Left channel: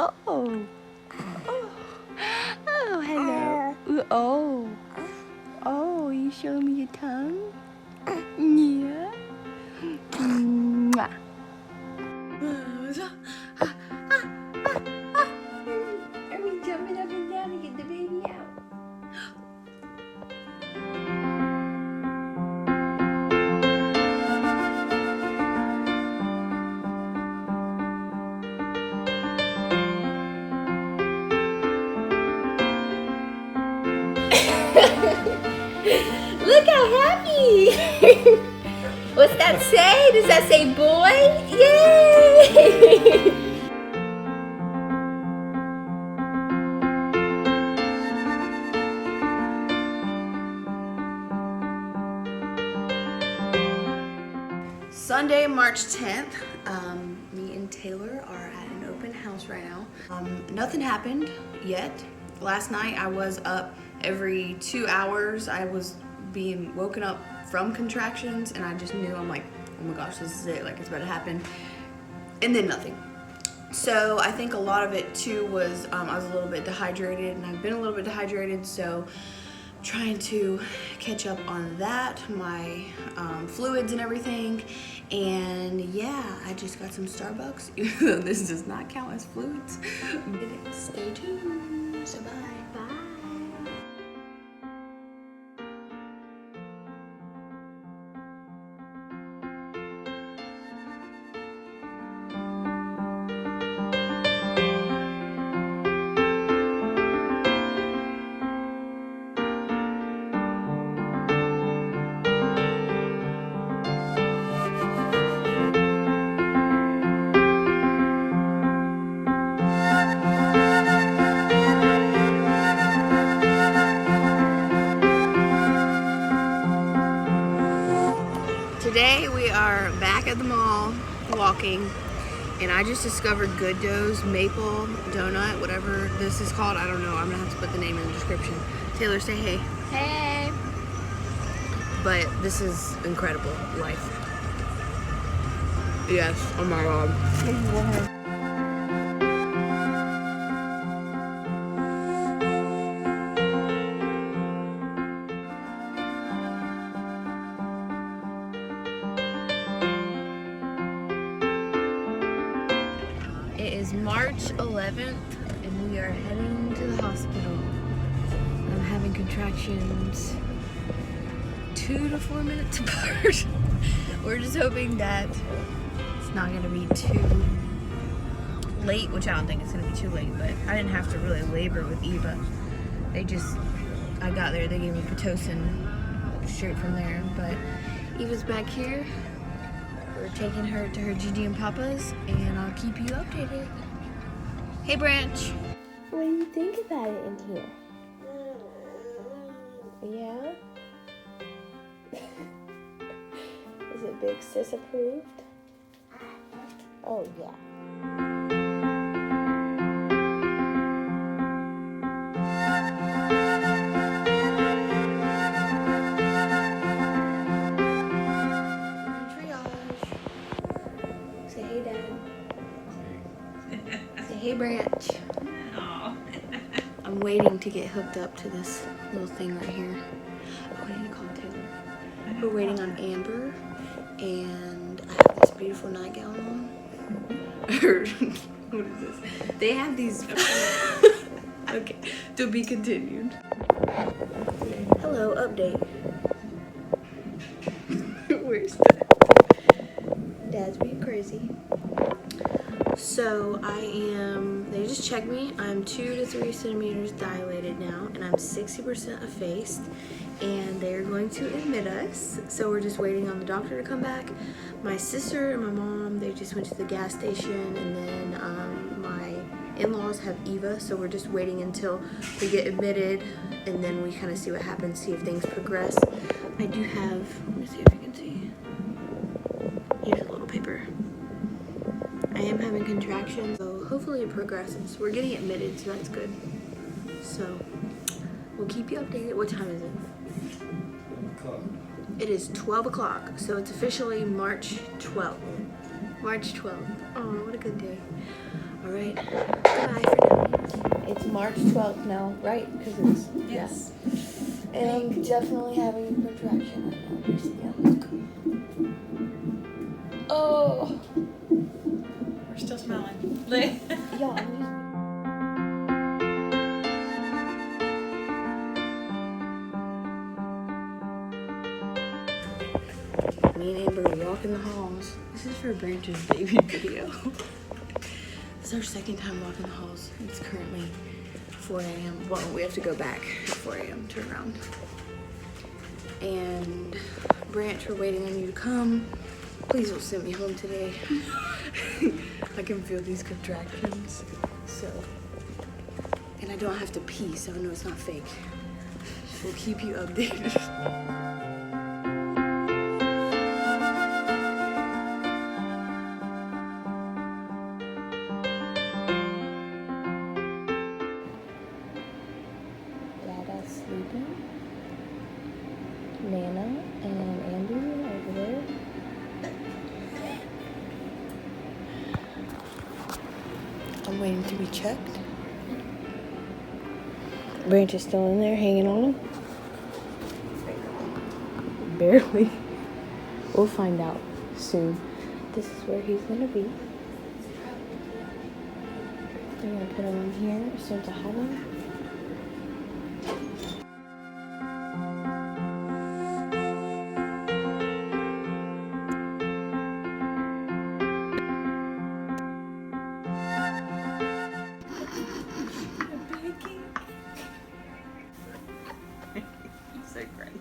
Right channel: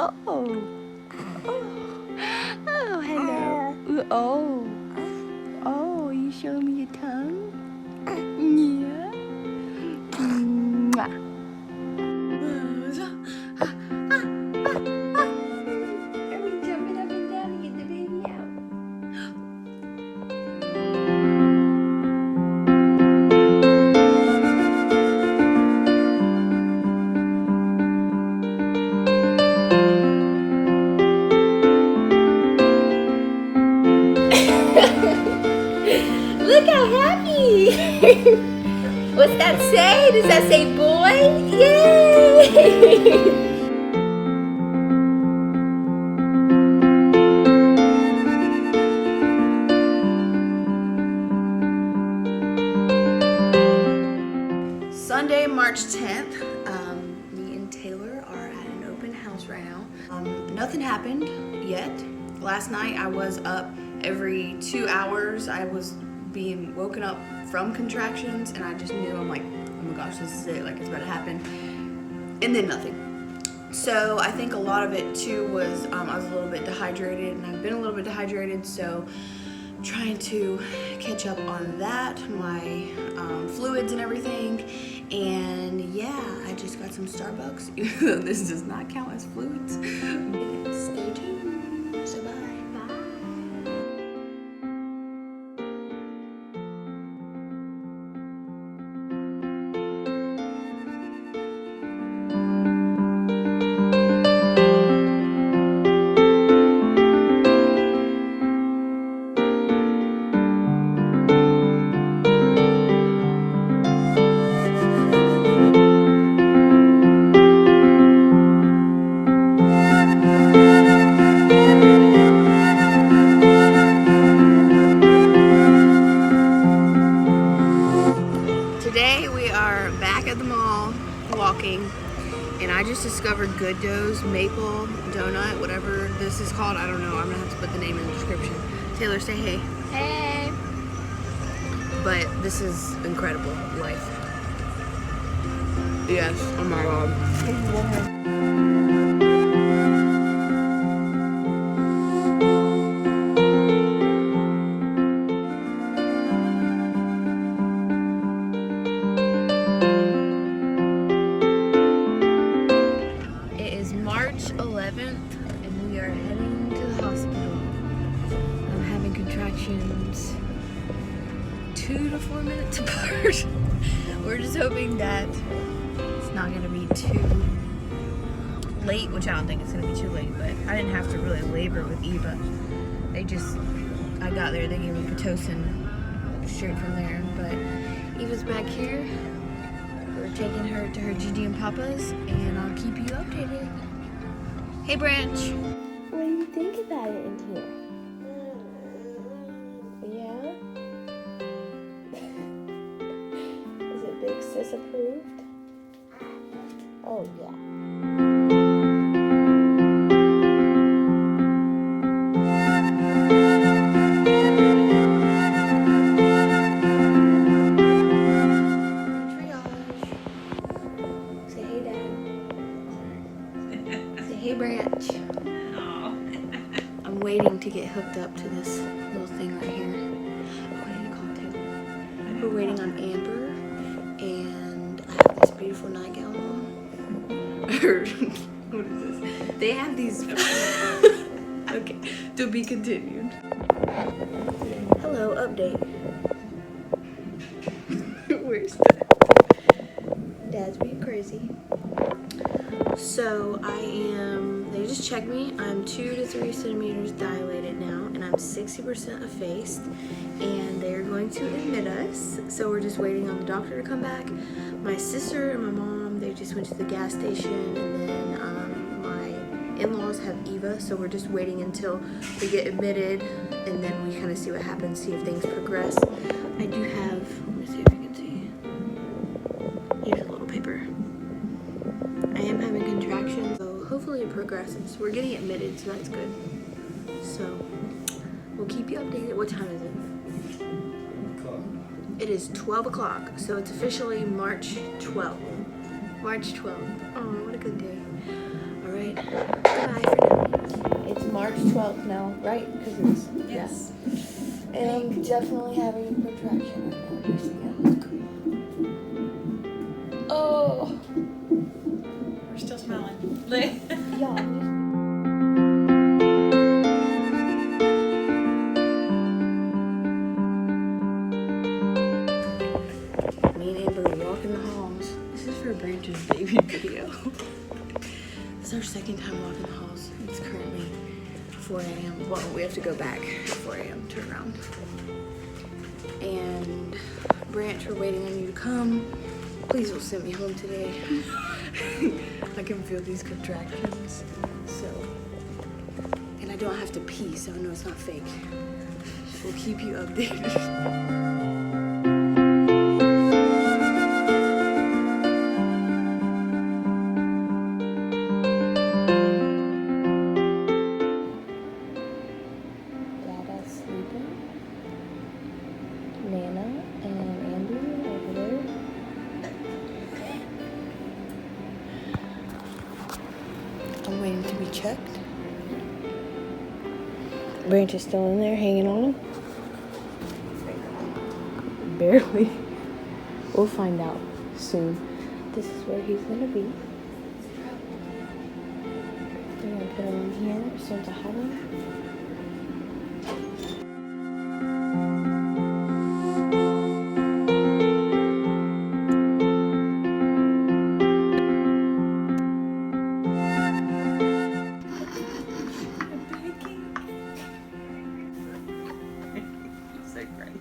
Oh. Oh. Oh, hello. Oh. Oh, you showing me your tongue? Yeah. Mwah. Are we jumping up and down to get the baby out? Look how happy! What's that say? Does that say boy? Yay! Sunday, March 10th. Me and Taylor are at an open house right now. Nothing happened yet. Last night I was up every 2 hours. I was being woken up from contractions and I just knew, I'm like, oh my gosh, this is it, like it's about to happen. And then nothing. So I think a lot of it too was I was a little bit dehydrated, and I've been a little bit dehydrated, so I'm trying to catch up on that, my fluids and everything. And yeah, I just got some Starbucks, even though this does not count as fluids. Stay tuned. So bye. Bye. Today we are back at the mall walking, and I just discovered Good Dough's maple donut, whatever this is called. I don't know. I'm gonna have to put the name in the description. Taylor, say hey. Hey. But this is incredible. Life. Yes. Oh my god. It is March 11th and we are heading to the hospital. I'm having contractions 2 to 4 minutes apart. We're just hoping that it's not gonna be too late, which I don't think it's gonna be too late, but I didn't have to really labor with Eva. I got there, they gave me Pitocin straight from there, but Eva's back here. We're taking her to her Gigi and Papa's, and I'll keep you updated. Hey, Branch. What do you think about it in here? Yeah? Is it Big Sis approved? Oh, yeah. Hey, Branch. I'm waiting to get hooked up to this little thing right here. Oh, I need to call Taylor. We're waiting on Amber, and I have this beautiful nightgown on. What is this? They have these. Okay, to be continued. Hello, update. Where's Dad? Dad's being crazy. So they just checked me. I'm 2 to 3 centimeters dilated now, and I'm 60% effaced, and they're going to admit us. So we're just waiting on the doctor to come back. My sister and my mom, they just went to the gas station, and then my in-laws have Eva, so we're just waiting until we get admitted, and then we kind of see what happens, see if things progress. I do have, let me see if you can see. Here's a little paper. I am having contractions, so hopefully it progresses. We're getting admitted, so that's good. So we'll keep you updated. What time is it? It is 12 o'clock, so it's officially March 12th. March 12th. Oh, what a good day. All right. Goodbye for now. It's March 12th now, right? Because it's Yes. Yeah. And I'm definitely having a contraction right now. Oh. We're still smelling. Yeah, I'm just. Me and Amber walk in the halls. This is for Branch's baby video. This is our second time walking the halls. It's currently 4 a.m. Well, we have to go back at 4 a.m. Turn around. And Branch, we're waiting on you to come. Please don't send me home today. I can feel these contractions. So, and I don't have to pee, so I know it's not fake. We'll keep you updated. Sleeping. Nana and Andy over there. I'm waiting to be checked. Branch is still in there hanging on him. Barely. We'll find out soon. This is where he's gonna be. They're gonna put him in here as soon as I have him. So crazy.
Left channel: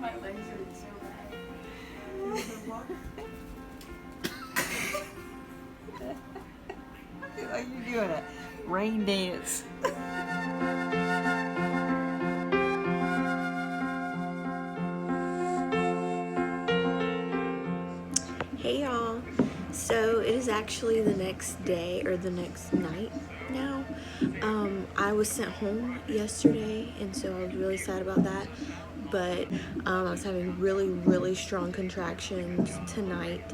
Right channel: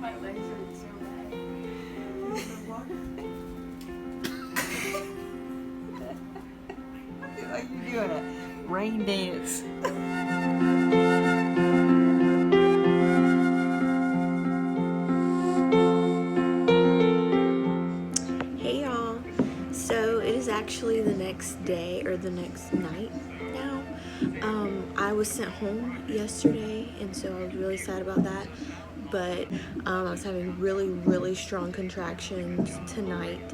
My legs hurt so bad. I feel like you're doing a rain dance. Hey y'all. So it is actually the next day or the next night now. I was sent home yesterday, and so I was really sad about that. But I was having really strong contractions tonight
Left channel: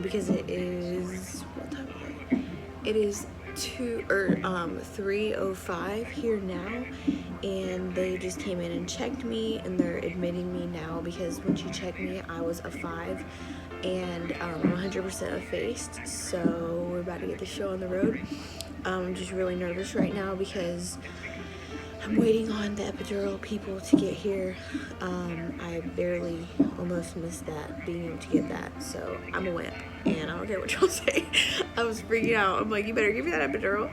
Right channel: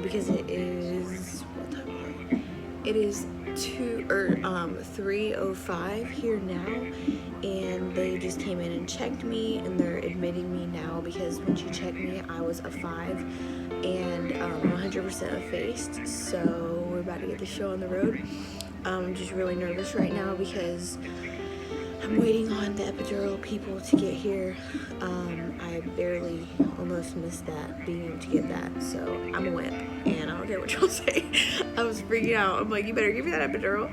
because it is, what time is it? It is 3:05 here now, and they just came in and checked me, and they're admitting me now because when she checked me I was a 5, and I'm 100% effaced, so we're about to get the show on the road. I'm just really nervous right now because I'm waiting on the epidural people to get here. I barely almost missed that, being able to get that, so I'm a wimp, and I don't care what y'all say. I was freaking out. I'm like, you better give me that epidural.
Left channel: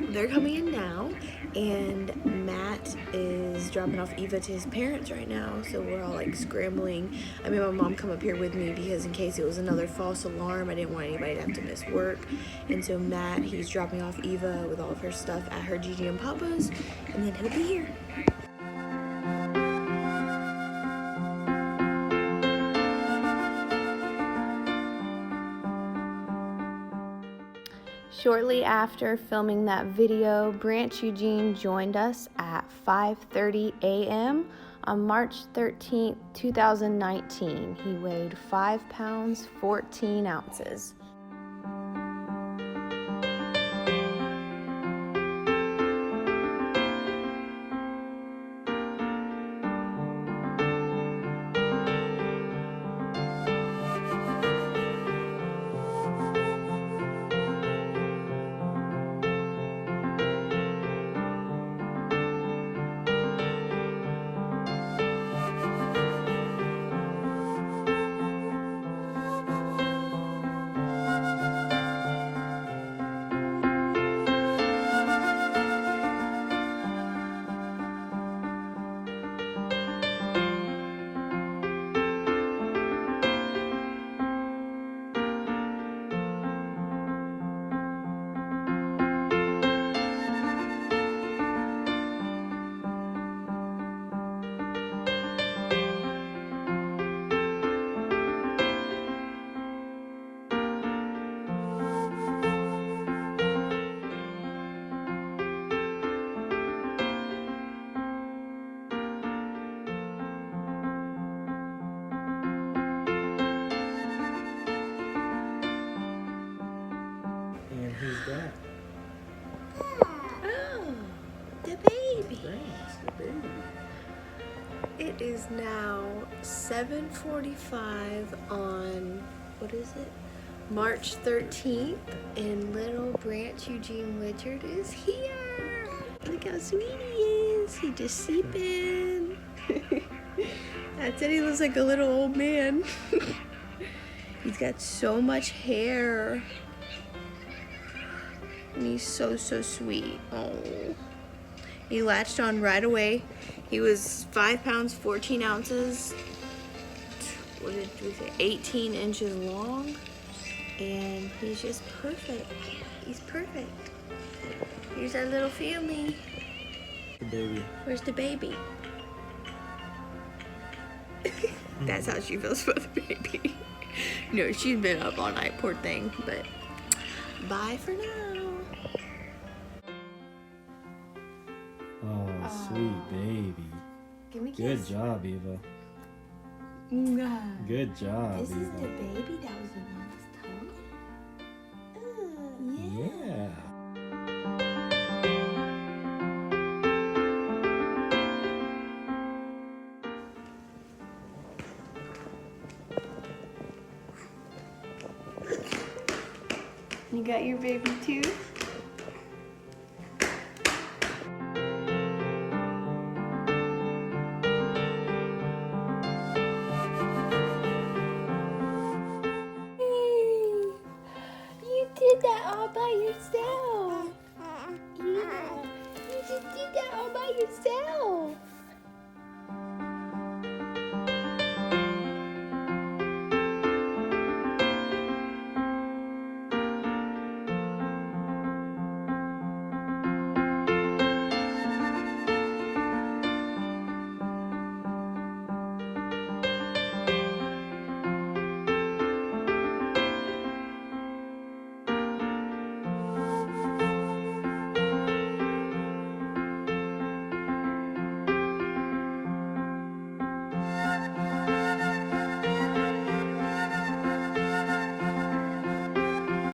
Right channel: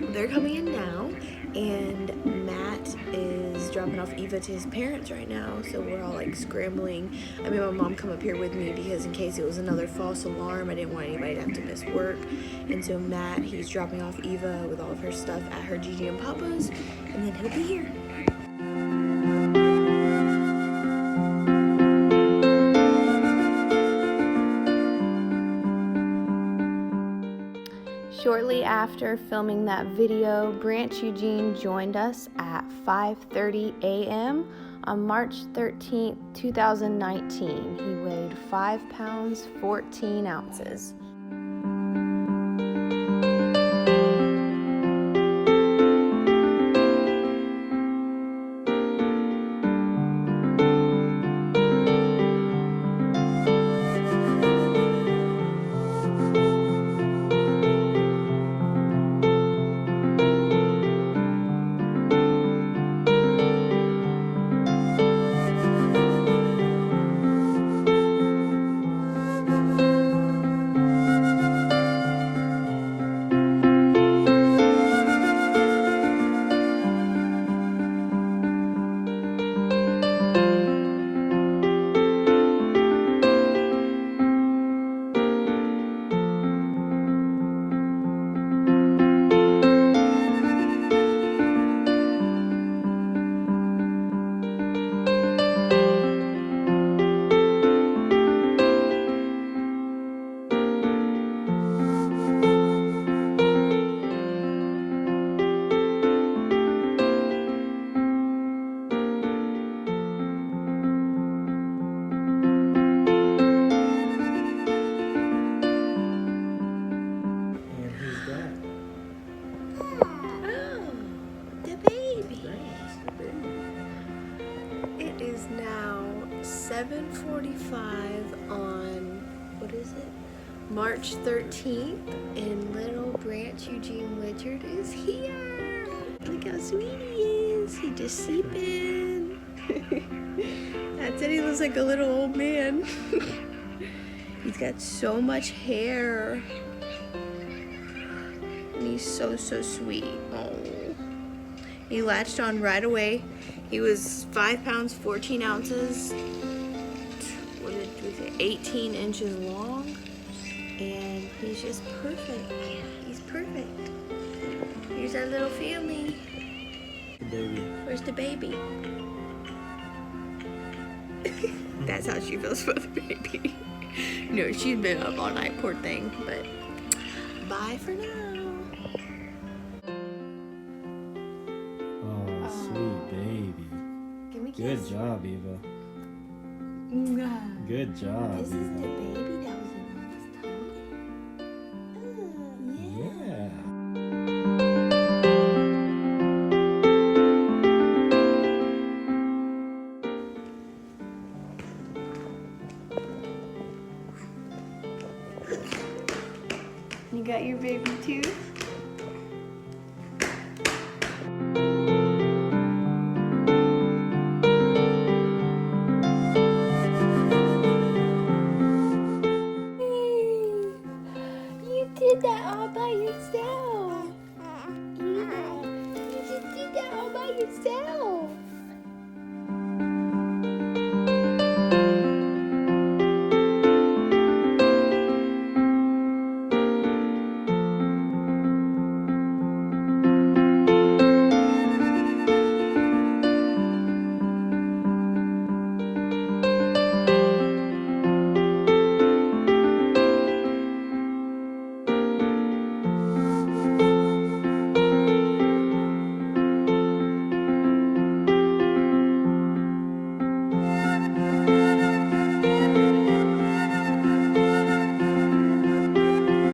They're coming in now, and Matt is dropping off Eva to his parents right now, so we're all like scrambling. I made my mom come up here with me because in case it was another false alarm, I didn't want anybody to have to miss work. And so Matt, he's dropping off Eva with all of her stuff at her Gigi and Papa's, and then he'll be here. Shortly after filming that video, Branch Eugene joined us at 5:30 a.m. on March 13th, 2019. He weighed 5 pounds, 14 ounces. Oh, the baby. That's the baby. It is now 7:45 on, what is it? March 13th, and little Branch Eugene Richard is here. Look how sweet he is. He just sleeping. That's it. He looks like a little old man. He's got so much hair. And he's so sweet. Oh. He latched on right away. He was 5 pounds, 14 ounces. What did we say? 18 inches long. And he's just perfect. He's perfect. Here's our little family. The baby. Where's the baby? That's how she feels about the baby. No, she's been up all night, poor thing. But bye for now. Oh, sweet baby. Give me a Good kiss. job, Eva. Mwah. Good job, This is the Eva. baby that was in Mama's tummy. Yeah. You got your baby too?